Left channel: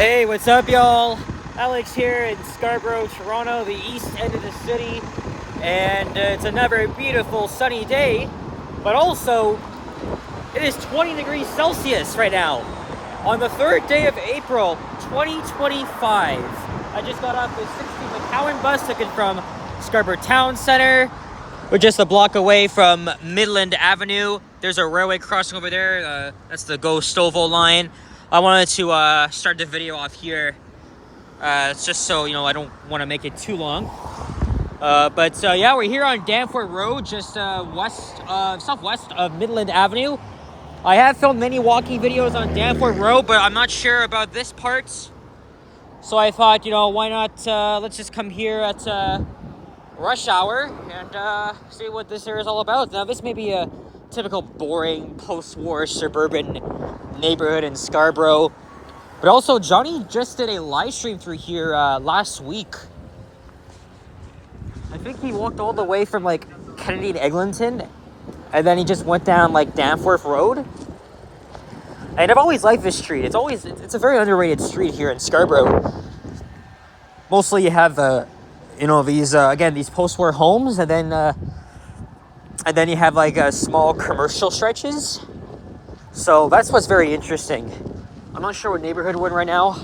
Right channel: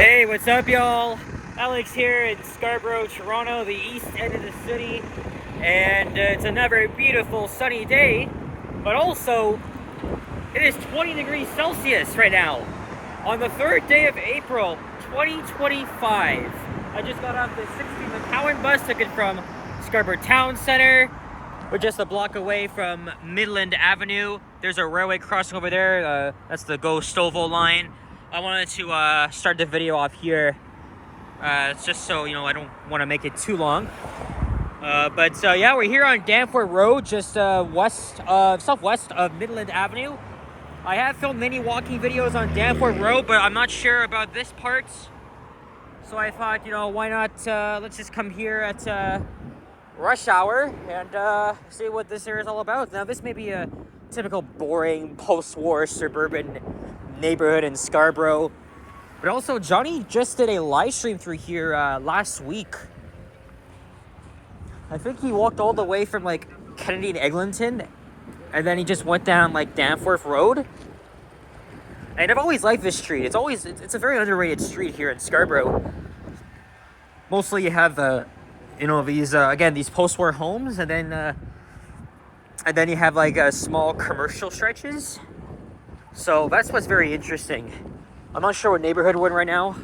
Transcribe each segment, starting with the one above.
Hey, what's up, y'all? Alex here in Scarborough, Toronto, the east end of the city. And it's another beautiful sunny day, but also it is 20 degrees Celsius right now on the 3rd day of April, 2025. I just got off the 60 McCowan bus, took it from Scarborough Town Center. We're just a block away from Midland Avenue. There's a railway crossing over there. That's the Go Stovall line. I wanted to start the video off here. It's just so, I don't want to make it too long. But yeah, we're here on Danforth Road, just southwest of Midland Avenue. I have filmed many walking videos on Danforth Road, but I'm not sure about this part. So I thought, why not, let's just come here at rush hour and see what this area is all about. Now, this may be a typical boring post-war suburban neighborhood in Scarborough, but also Johnny just did a live stream through here last week. I think he walked all the way from like Kennedy to Eglinton, and then he just went down like Danforth Road. And I've always liked this street. It's a very underrated street here in Scarborough. Mostly you have these post-war homes, and then you have like small commercial stretches. So that's what's very interesting. I'm not sure what neighborhood we're in right now,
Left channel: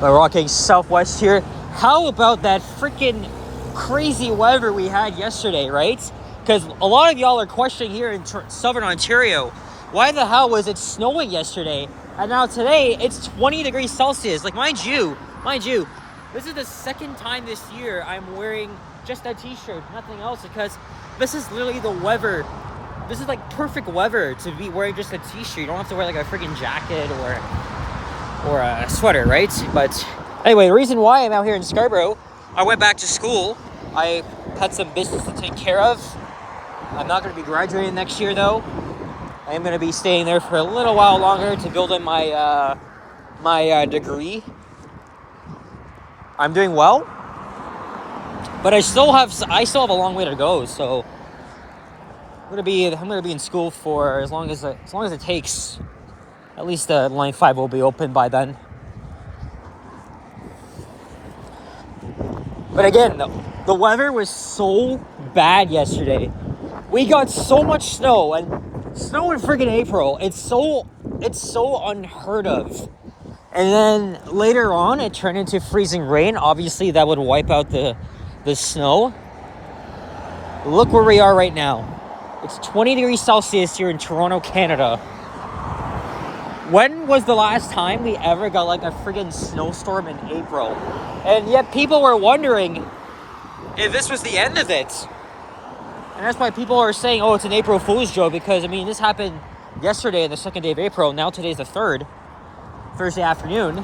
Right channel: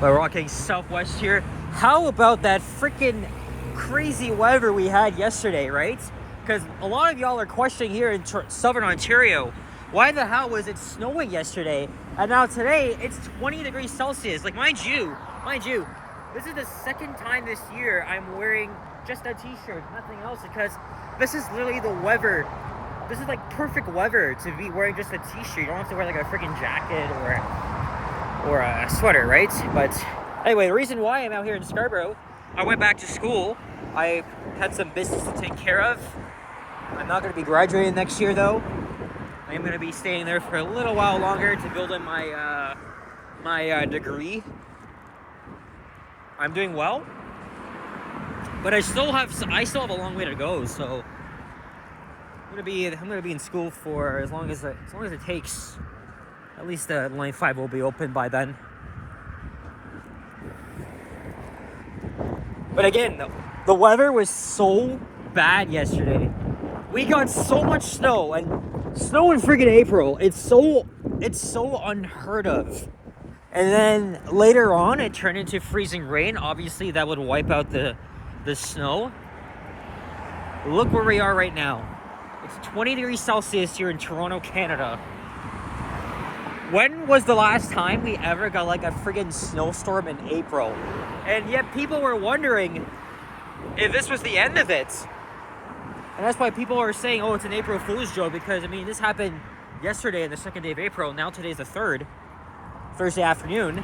but we're walking southwest here. How about that freaking crazy weather we had yesterday, right? Because a lot of y'all are questioning here in southern Ontario, why the hell was it snowing yesterday? And now today, it's 20 degrees Celsius. Like, mind you, this is the second time this year I'm wearing just a t-shirt, nothing else, because this is literally the weather. This is like perfect weather to be wearing just a t-shirt. You don't have to wear like a freaking jacket or a sweater, right? But anyway, the reason why I'm out here in Scarborough, I went back to school. I had some business to take care of. I'm not going to be graduating next year, though. I'm going to be staying there for a little while longer to build in my my degree. I'm doing well, but I still have a long way to go. So I'm gonna be in school for as long as it takes. At least line 5 will be open by then. But again, the weather was so bad yesterday. We got so much snow, and snow in friggin' April. It's so unheard of. And then later on, it turned into freezing rain. Obviously, that would wipe out the snow. Look where we are right now. It's 20 degrees Celsius here in Toronto, Canada. When was the last time we ever got like a friggin' snowstorm in April? And yet people were wondering if this was the end of it. And that's why people are saying, oh, it's an April Fool's joke, because, this happened yesterday on the 2nd day of April. Now today's the 3rd, Thursday afternoon.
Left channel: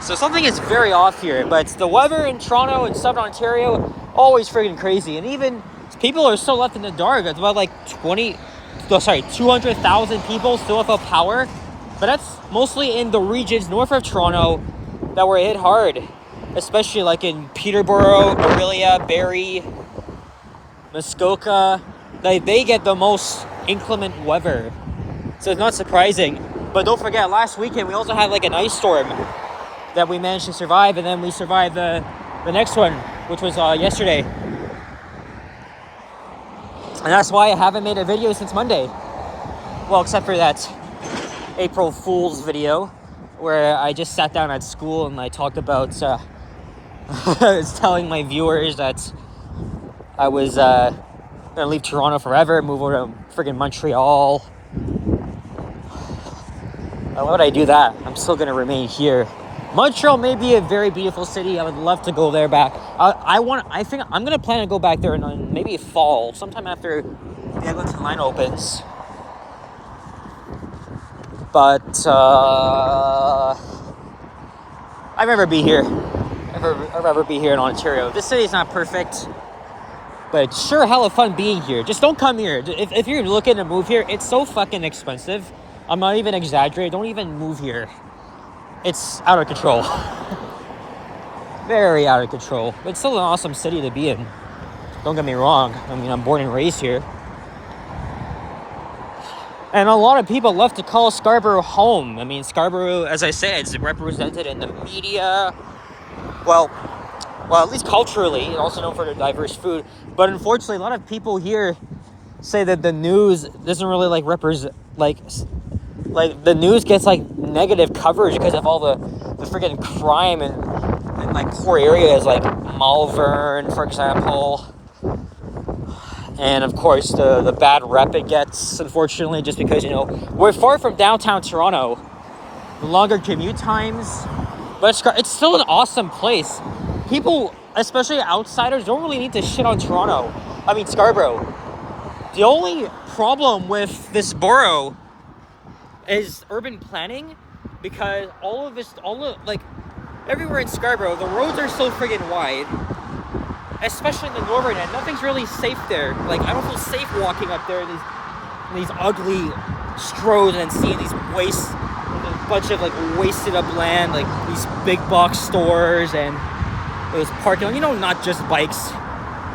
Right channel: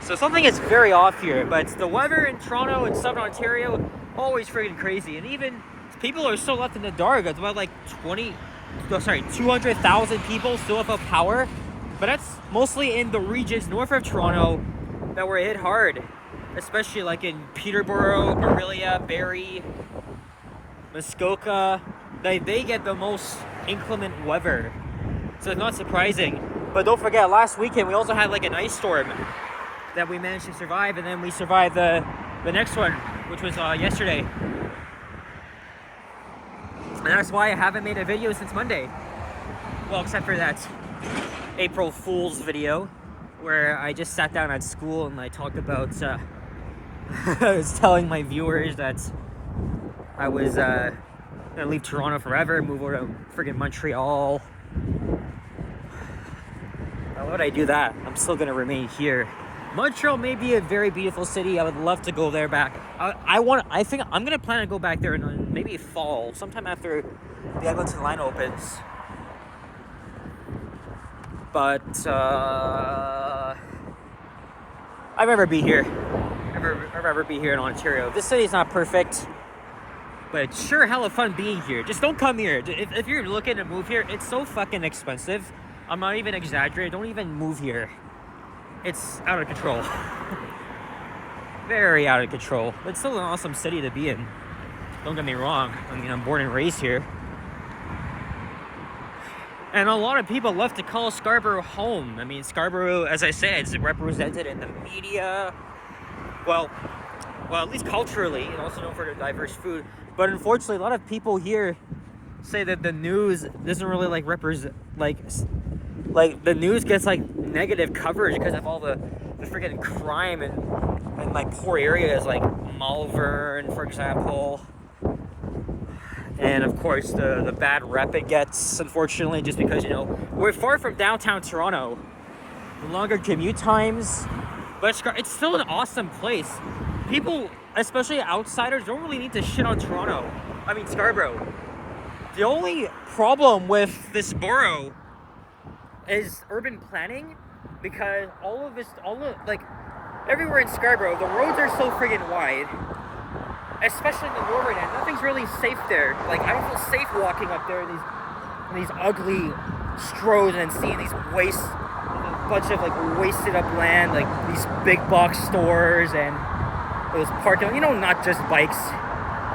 So something is very off here, but the weather in Toronto and Southern Ontario, always friggin' crazy. And even people are still left in the dark. It's about like 200,000 people still without power. But that's mostly in the regions north of Toronto that were hit hard. Especially like in Peterborough, Orillia, Barrie, Muskoka. They get the most inclement weather. So it's not surprising. But don't forget, last weekend we also had like an ice storm that we managed to survive. And then we survived the next one, which was yesterday. And that's why I haven't made a video since Monday. Well, except for that April Fool's video where I just sat down at school and I talked about, I was telling my viewers that I was going to leave Toronto forever, move over to friggin' Montreal. Why would I do that? I'm still going to remain here. Montreal may be a very beautiful city. I would love to go there back. I think I'm going to plan to go back there in maybe fall, sometime after the Eglinton line opens. But I'd rather be here. I'd rather be here in Ontario. This city's not perfect, but it's sure hella fun being here. Just don't come here. If you're looking to move here, it's so fucking expensive. I'm not even exaggerating. Don't even move here. It's out of control. Very out of control. But it's still an awesome city to be in. Don't get me wrong. I'm born and raised here. And a lot of people love to call Scarborough home. I mean, Scarborough, as I said, it's represented in the media. Well, at least culturally, and also known for their diverse food. But unfortunately, a lot of people here say that the news doesn't really like represent, like the news gets like negative coverage because of all the freaking crime and like poor areas like Malvern, for example. And of course, the bad rep it gets, unfortunately, just because, you know, we're far from downtown Toronto. The longer commute times, but it's still an awesome place. People, especially outsiders, don't really need to shit on Scarborough. The only problem with this borough is urban planning, because everywhere in Scarborough, the roads are so friggin' wide. Especially in the northern end, nothing's really safe there. Like, I don't feel safe walking up there in these ugly roads and seeing these a bunch of like wasted up land, like these big box stores and those parking. You know, not just bikes.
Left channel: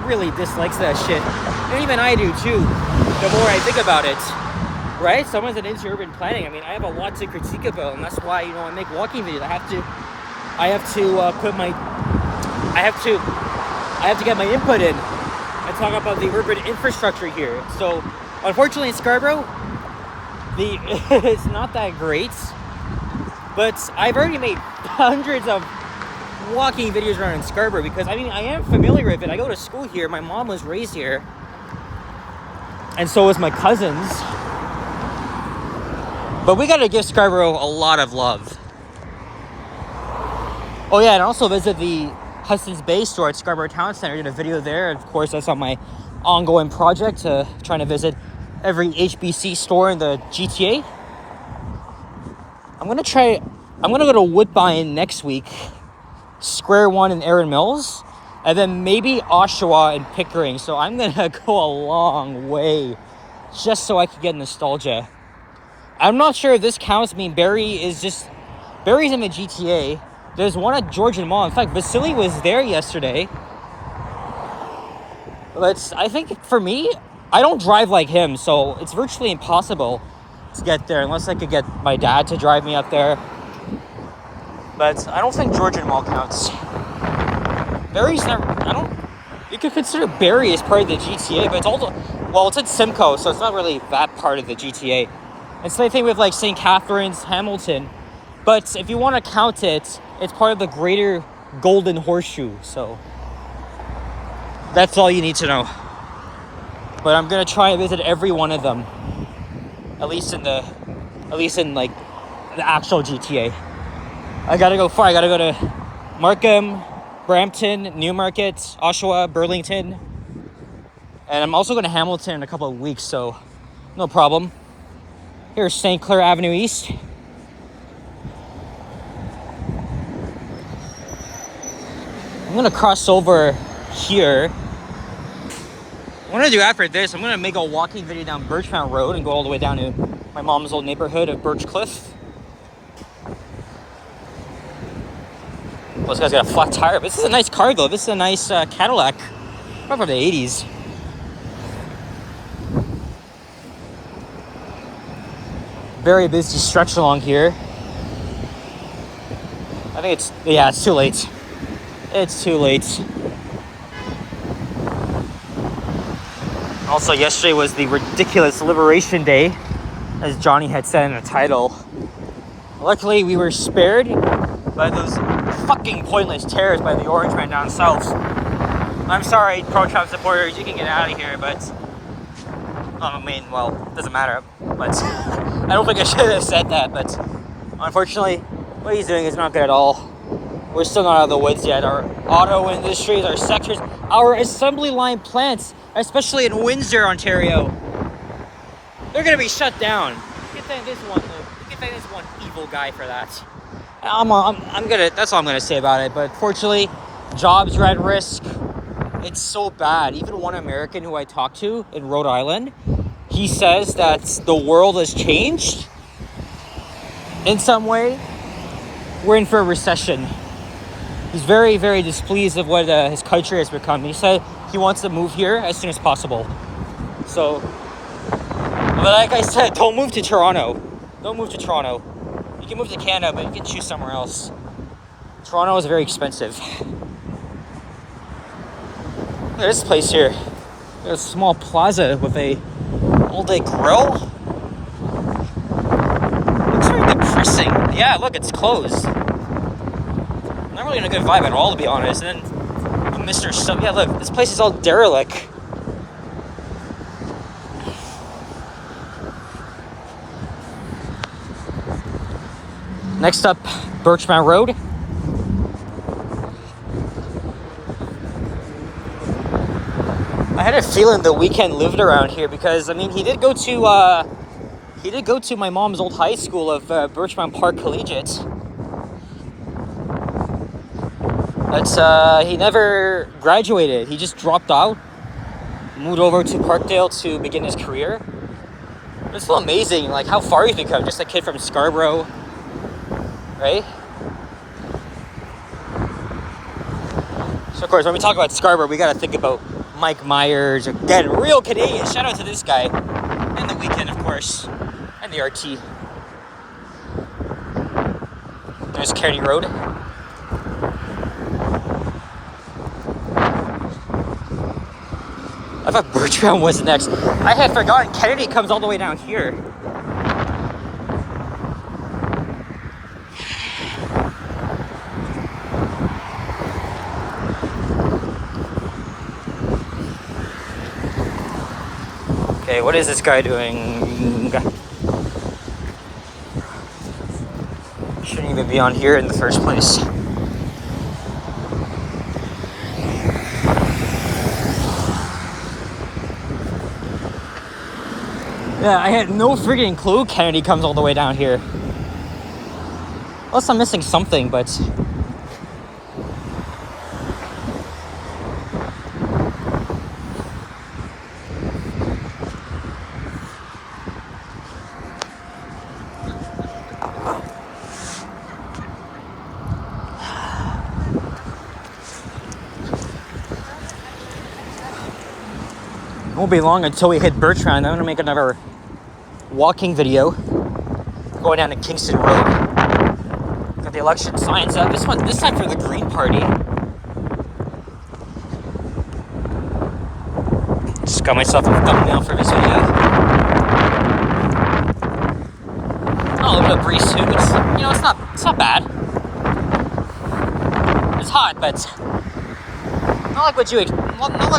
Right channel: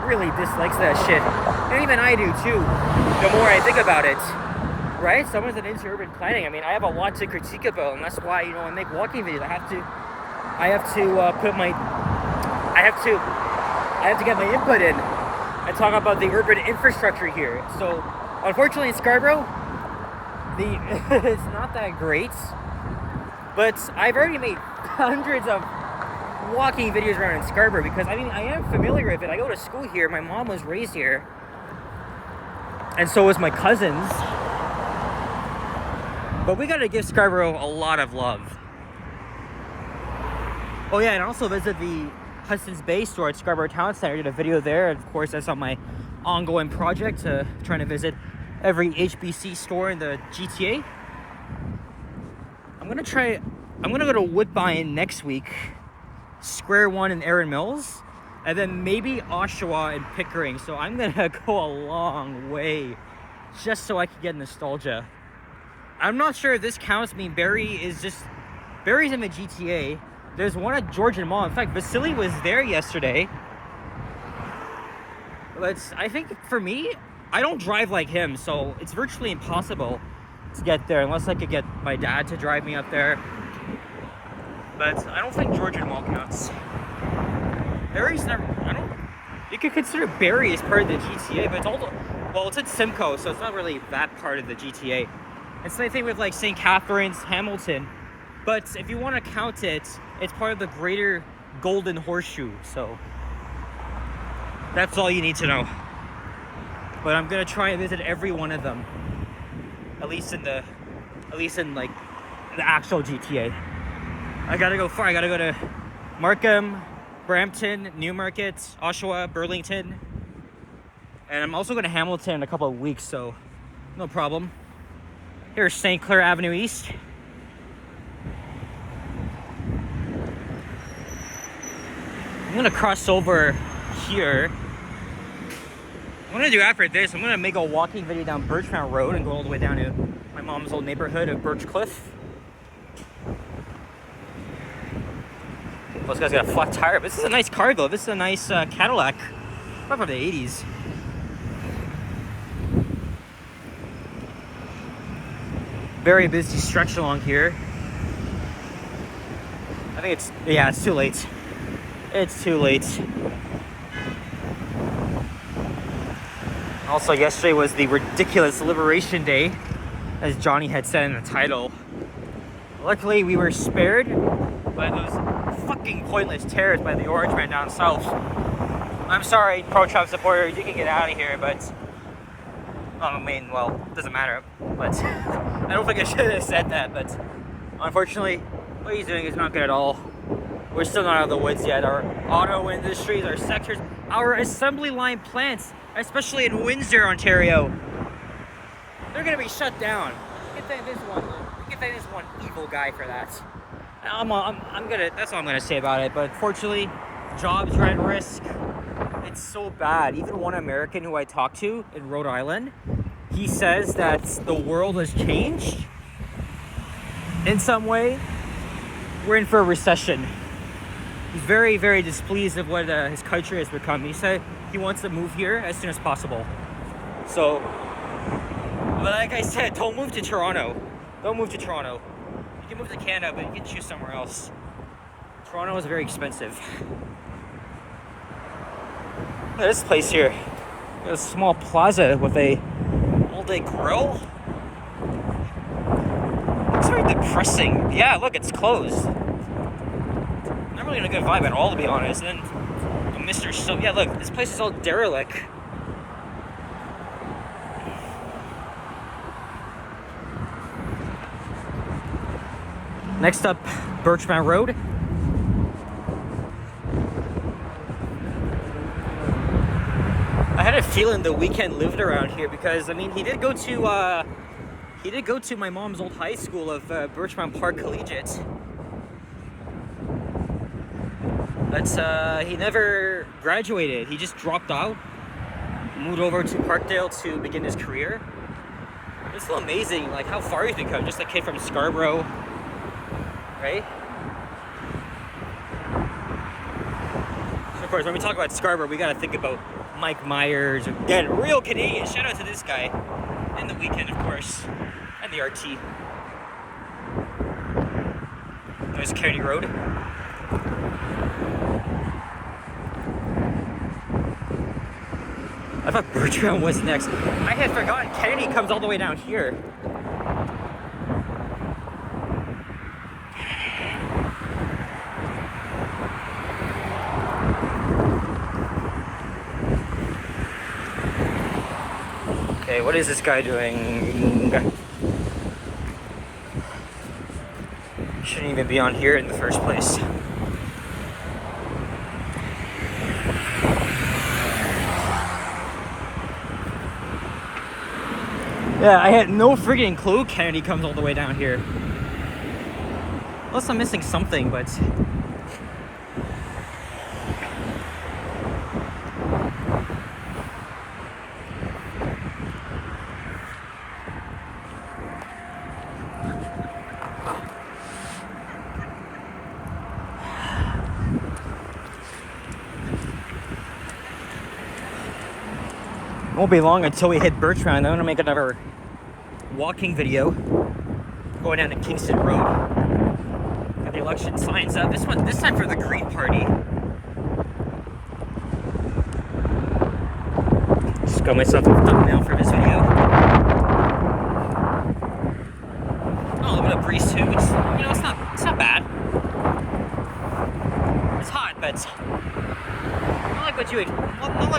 Really dislikes that shit, and even I do too. The more I think about it, right? Someone's an into urban planning. I mean, I have a lot to critique about, and that's why, you know, I make walking videos. I have to get my input in and talk about the urban infrastructure here. So, unfortunately, in Scarborough, it's not that great. But I've already made hundreds of walking videos around in Scarborough because, I mean, I am familiar with it. I go to school here. My mom was raised here. And so was my cousins. But we gotta give Scarborough a lot of love. Oh yeah, and also visit the Hudson's Bay store at Scarborough Town Center. I did a video there. Of course, that's on my ongoing project, trying to visit every HBC store in the GTA. I'm gonna go to Woodbine next week, Square One in Erin Mills, and then maybe Oshawa and Pickering. So I'm gonna go a long way just so I can get nostalgia. I'm not sure if this counts. I mean, Barry's in the GTA. There's one at Georgian Mall. In fact, Vasily was there yesterday. But I think for me, I don't drive like him, so it's virtually impossible to get there unless I could get my dad to drive me up there. But I don't think Georgian Mall counts. You could consider Barrie as part of the GTA, but it's in Simcoe, so it's not really that part of the GTA. It's the same thing with like St. Catharines, Hamilton. But if you want to count it, it's part of the greater Golden Horseshoe, so that's all you need to know. But I'm gonna try and visit every one of them, at least in like the actual GTA. I gotta go far. I gotta go to Markham, Brampton, Newmarket, Oshawa, Burlington, and I'm also going to Hamilton in a couple of weeks, so no problem. Here's St. Clair Avenue East. I'm going to cross over here. I'm going to do after this, I'm going to make a walking video down Birchmount Road and go all the way down to my mom's old neighborhood of Birchcliff. Well, this guy's got a flat tire, but this is a nice car though. This is a nice Cadillac, probably from the 80s. Very busy stretch along here. I think it's too late. It's too late. Also, yesterday was the ridiculous Liberation Day, as Johnny had said in the title. Luckily, we were spared by those fucking pointless tears by the Orange Man down south. I'm sorry, pro-Trump supporters, you can get out of here, but it doesn't matter, but I don't think I should have said that, but unfortunately, what he's doing is not good at all. We're still not out of the woods yet. Our auto industries, our sectors, our assembly line plants, especially in Windsor, Ontario, they're gonna be shut down. We can thank this one evil guy for that. That's all I'm gonna say about it. But fortunately, jobs are at risk. It's so bad. Even one American who I talked to in Rhode Island, he says that the world has changed in some way. We're in for a recession. He's very, very displeased of what his country has become. He said he wants to move here as soon as possible. So, I'm but like I said, don't move to Toronto. Don't move to Toronto. You can move to Canada, but you can choose somewhere else. Toronto is very expensive. Look at this place here. Got a small plaza with a all-day grill. Looks very depressing. Yeah, look, it's closed. Not really in a good vibe at all, to be honest. And then Mr. So yeah, look, this place is all derelict. Next up, Birchmount Road. I had a feeling the Weekend lived around here because I mean he did go to my mom's old high school of Birchmount Park Collegiate. But he never graduated. He just dropped out, moved over to Parkdale to begin his career. It's still amazing, like how far you can come. Just a kid from Scarborough, right? So of course, when we talk about Scarborough, we gotta think about Mike Myers, again, real Canadian. Shout out to this guy, and the Weekend, of course, and the RT. There's Kennedy Road. I thought Birchmount was next. I had forgotten Kennedy comes all the way down here. Okay, what is this guy doing? Shouldn't even be on here in the first place. Yeah, I had no friggin' clue Kennedy comes all the way down here. Unless I'm missing something, but... It won't be long until we hit Birchmount. I'm gonna make another walking video going down to Kingston Road. Got the election signs up. This time for the Green Party. Just got myself a thumbnail for this video. Oh, a little bit of breeze too. It's not bad. It's hot, but not like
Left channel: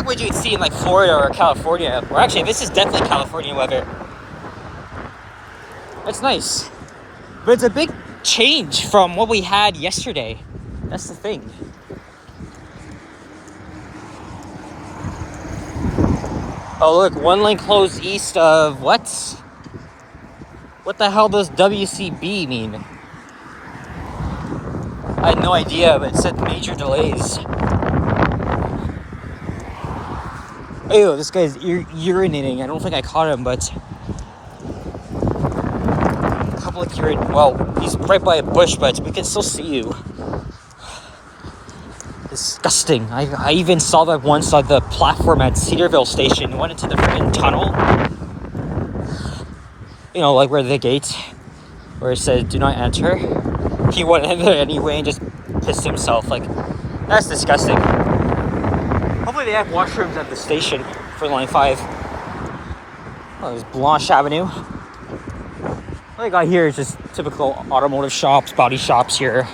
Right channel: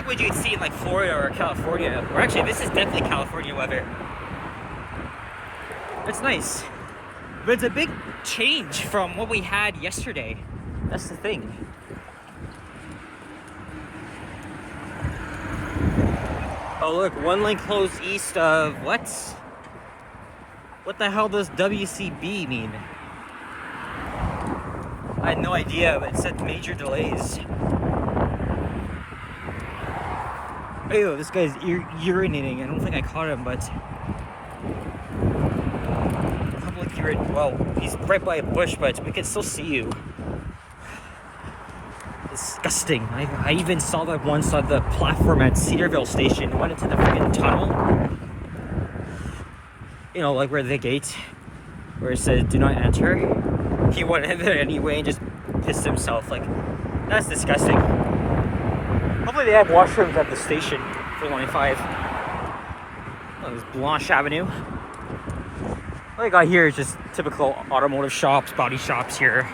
what you'd see in like Florida or California. Or actually, this is definitely California weather. It's nice, but it's a big change from what we had yesterday. That's the thing. Oh look, one lane closed east of what? What the hell does WCB mean? I had no idea, but it said major delays. Ew, this guy's urinating. I don't think I caught him, but... Public urine. Well, he's right by a bush, but we can still see you. Disgusting. I even saw that once on the platform at Cedarville Station. Went into the freaking tunnel. You know, like where the gate, where it said, do not enter. He went in there anyway and just pissed himself. Like, that's disgusting. Hopefully they have washrooms at the station for Line 5. Oh, there's Blanche Avenue. What I got here is just typical automotive shops, body shops here.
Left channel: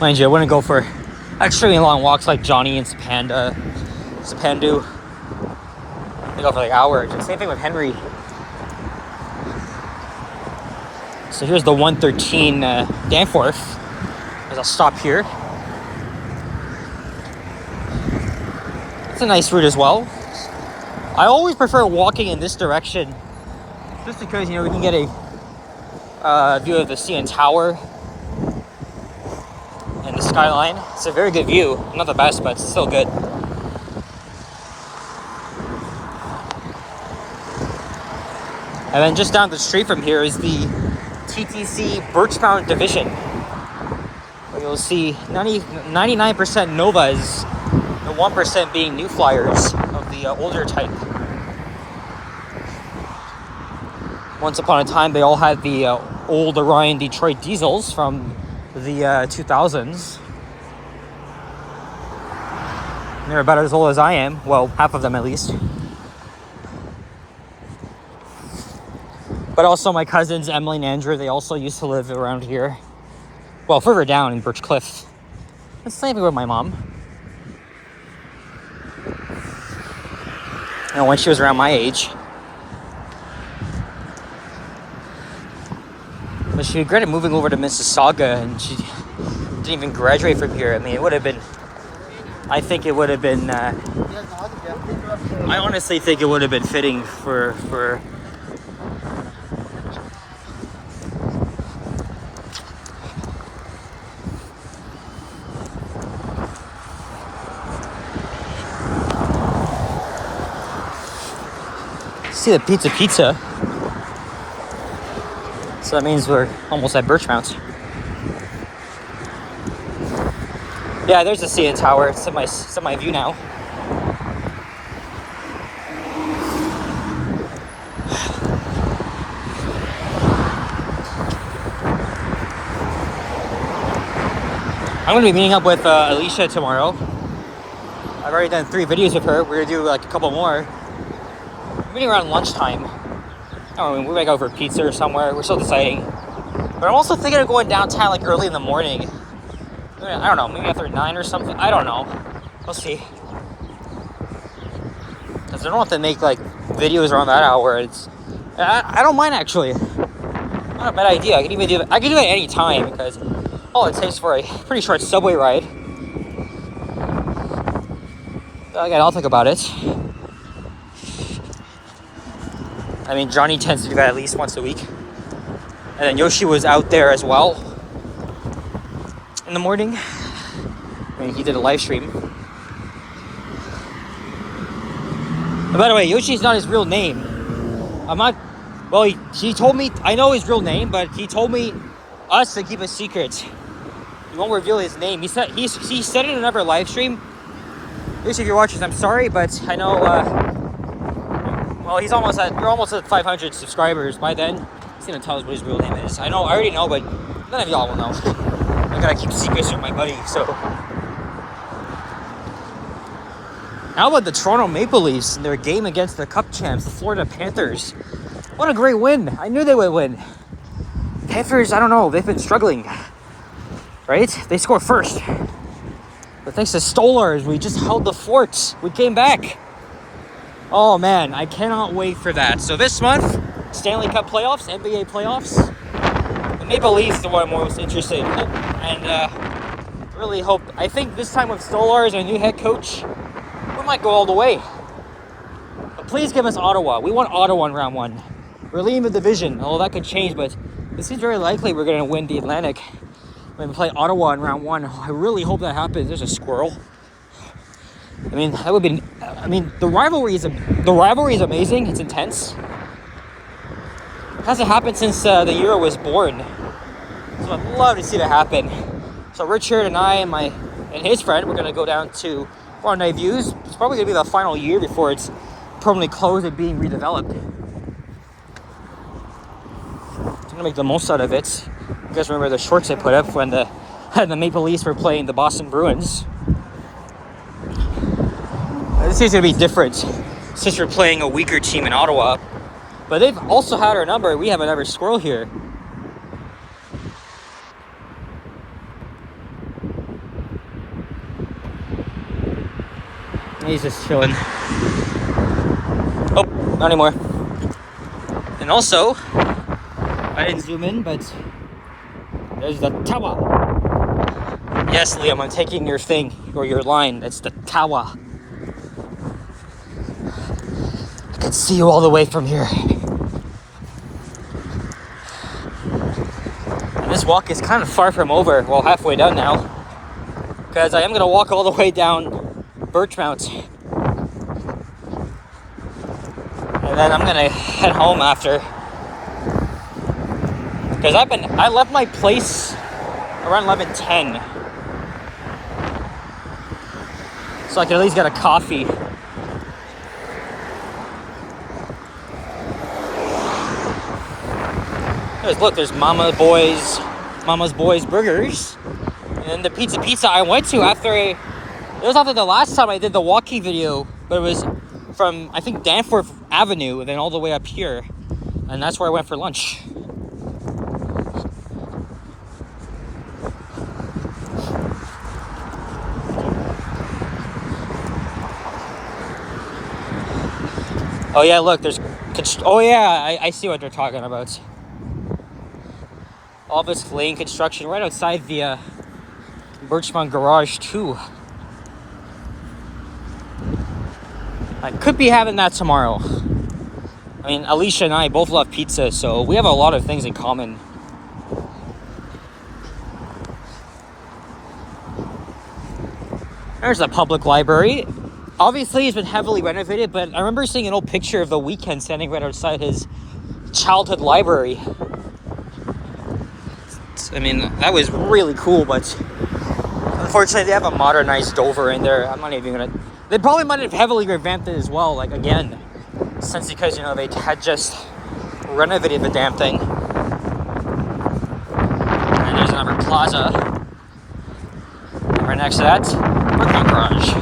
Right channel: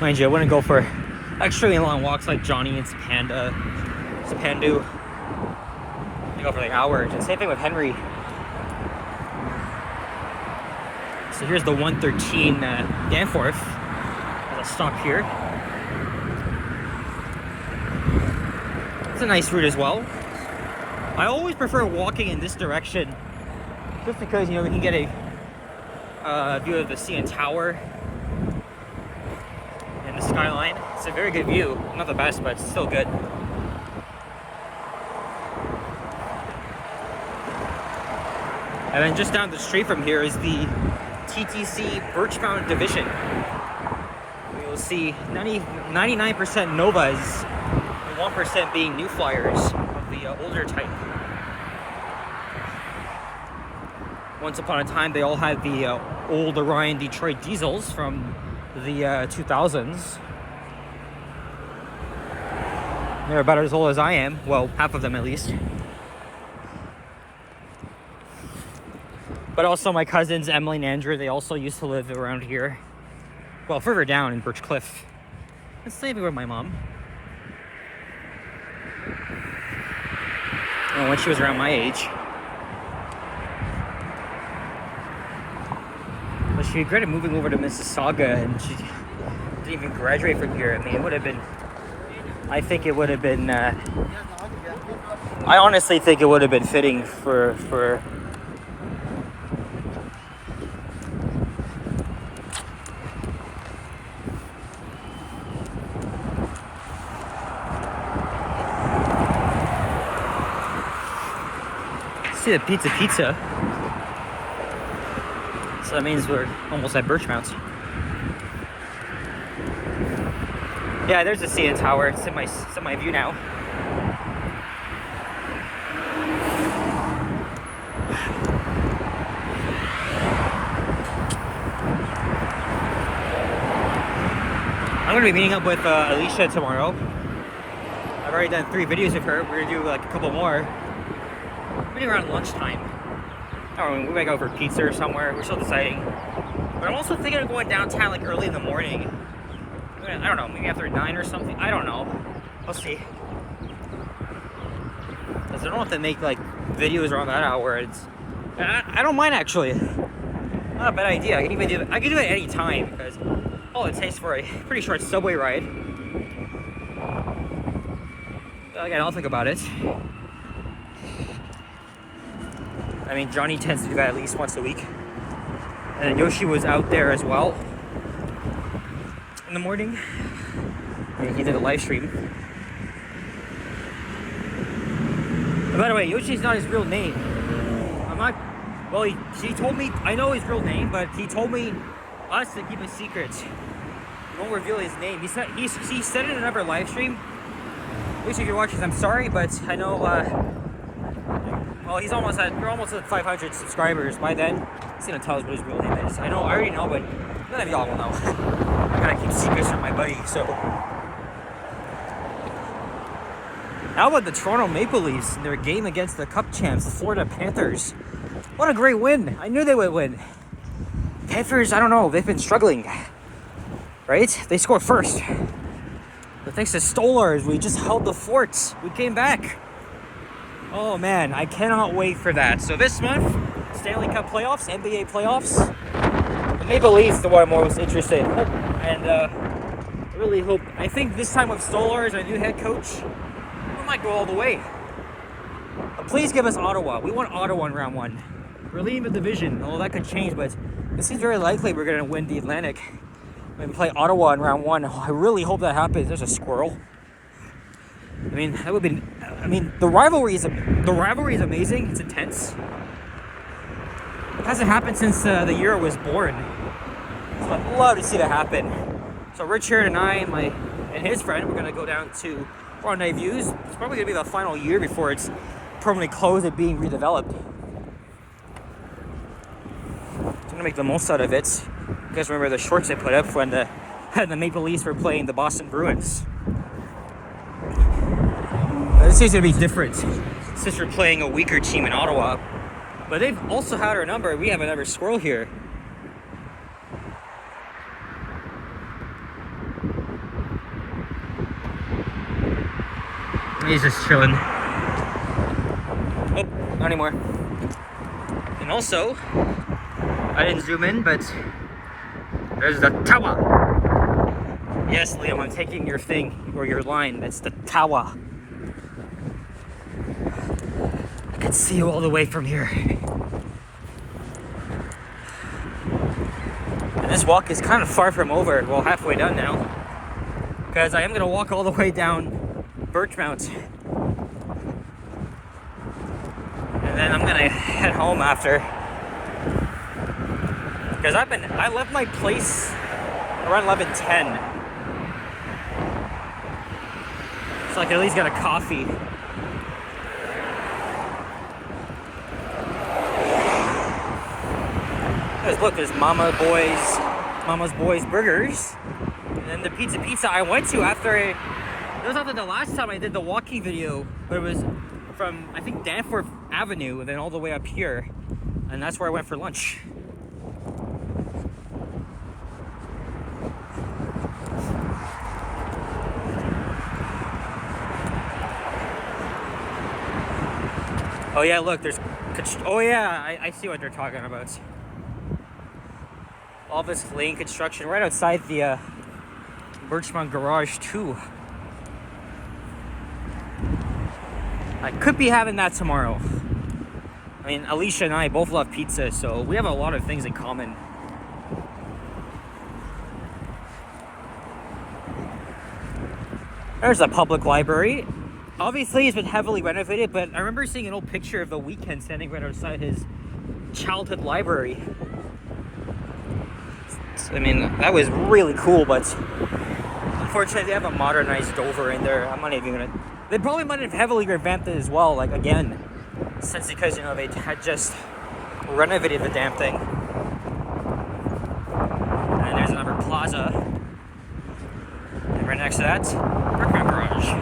Mind you, I wouldn't go for extremely long walks like Johnny and Sapandu. They go for like hours. The same thing with Henry. So here's the 113 Danforth. There's a stop here. It's a nice route as well. I always prefer walking in this direction, just because, you know, we can get a view of the CN Tower. and the skyline. It's a very good view. Not the best, but it's still good. And then just down the street from here is the TTC Birchmount Division. Where you'll see 99% Novas, the 1% being New Flyers of the older type. Once upon a time, they all had the old Orion Detroit diesels from the 2000s. They're about as old as I am. Well, half of them at least. But also my cousins, Emily and Andrew, they also used to live around here. Well, further down in Birch Cliff. That's same with my mom. And when she was around my age. But she regretted moving over to Mississauga, and she didn't even graduate from here. I mean, it would have been... I think it would have been... I honestly think it would have been fitting for see the pizza. So that means we're almost at Birchmount. Yeah, there's the CN Tower. It's in my view now. I'm gonna be meeting up with Alicia tomorrow. I've already done 3 videos with her. We're gonna do like a couple more. Meeting around lunchtime. I don't know, we might go for pizza or somewhere. We're still deciding. But I'm also thinking of going downtown like early in the morning. I don't know, maybe after 9 or something. I don't know. We'll see. Because I don't have to make like videos around that hour. I don't mind actually. Not a bad idea. I can do it at any time because all it takes for a pretty short subway ride. But again, I'll think about it. I mean, Johnny tends to do that at least once a week. And then Yoshi was out there as well in the morning. I mean, he did a live stream. And by the way, Yoshi's not his real name. I'm not... Well, he told me... I know his real name, but he told us to keep a secret. He won't reveal his name. He said it in another live stream. Yoshi, if you're watching, I'm sorry, but I know... well, we're almost at 500 subscribers. By then, he's gonna tell us what his real name is. I already know, but none of y'all will know. I gotta keep secrets from my buddy, so. How about the Toronto Maple Leafs in their game against the Cup champs, the Florida Panthers? What a great win. I knew they would win. Panthers, I don't know, they've been struggling. Right? They scored first. But thanks to Stolars, we just held the fort. We came back. Oh man, I cannot wait for that. So this month, Stanley Cup playoffs, NBA playoffs. The Maple Leafs the one I'm most interested in. And really hope, I think this time with Stolars and a new head coach, we might go all the way. But please give us Ottawa. We want Ottawa in round 1. We're leading the division. Although that could change, but it seems very likely we're going to win the Atlantic when we play Ottawa in round 1. I really hope that happens. There's a squirrel. I mean, that would be... I mean, the rivalry is amazing. It's intense. It hasn't happened since the year I was born. So I'd love to see that happen. So Richard and I and his friend, we're going to go down to Rendezvous. It's probably going to be the final year before it's permanently closed and being redeveloped. So I'm going to make the most out of it. You guys remember the shorts I put up when the Maple Leafs were playing the Boston Bruins? This is going to be different since we're playing a weaker team in Ottawa. But they've also had our number. We have another squirrel here. He's just chilling. Oh, not anymore. And also, I didn't zoom in, but there's the tower. Yes, Liam, I'm taking your thing, or your line. That's the tower. I can see you all the way from here. And this walk is kind of far from over. Well, halfway done now. because I am gonna walk all the way down Birchmount, and then I'm gonna head home after, because I left my place around 11:10, so I can at least get a coffee. Look, there's Mama's Boys Burgers. And then the pizza I went to it was after the last time I did the walking video, but it was from, I think, Danforth Avenue, and then all the way up here. And that's where I went for lunch. Oh yeah, look, oh yeah, I see what they're talking about. All this lane construction right outside the Birchmount garage too. I could be having that tomorrow. I mean, Alicia and I both love pizza, so we have a lot of things in common. There's a public library. Obviously, it's been heavily renovated, but I remember seeing an old picture of The Weeknd standing right outside his childhood library. I mean, that was really cool, but unfortunately, they have a modernized Dover in there. I'm not even gonna. They probably might have heavily revamped it as well, like again, since because, you know, they had just renovated the damn thing. And there's another plaza. And right next to that, Birchmount Garage.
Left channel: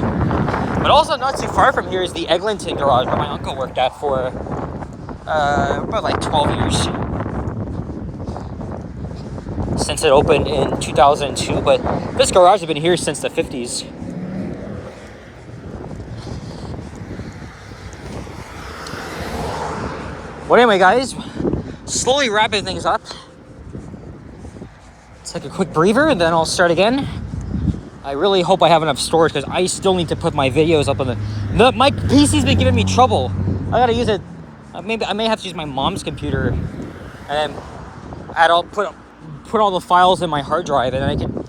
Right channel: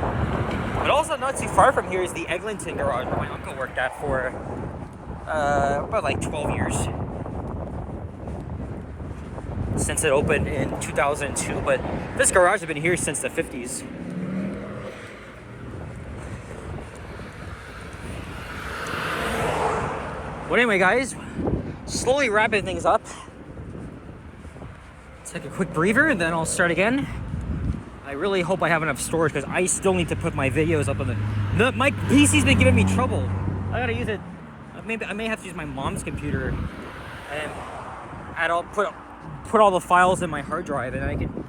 But also not too far from here is the Eglinton Garage, where my uncle worked at for about like 12 years. Since it opened in 2002, but this garage has been here since the 50s. But anyway, guys, slowly wrapping things up. Take a quick breather and then I'll start again. I really hope I have enough storage because I still need to put my videos up on my PC's been giving me trouble. I gotta use it. Maybe I may have to use my mom's computer and then put all the files in my hard drive, and then I can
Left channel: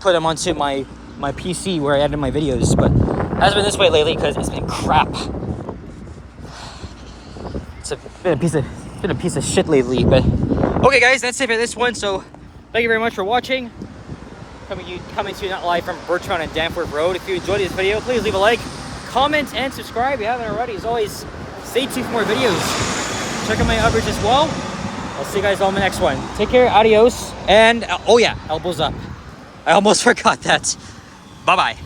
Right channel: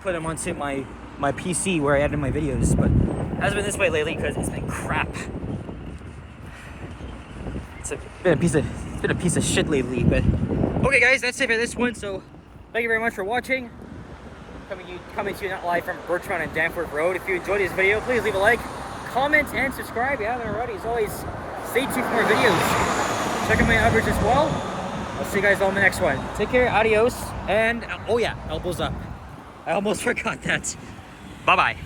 put them onto my PC where I edit my videos. But it hasn't been this way lately because it's been crap. It's been a piece of shit lately. But okay, guys, that's it for this one. So thank you very much for watching. Coming to you not live from Birchmount and Danforth Road. If you enjoyed this video, please leave a like, comment, and subscribe if you haven't already. As always, stay tuned for more videos. Check out my others as well. I'll see you guys all in the next one. Take care, adios, and oh yeah, elbows up. I almost forgot that. Bye-bye.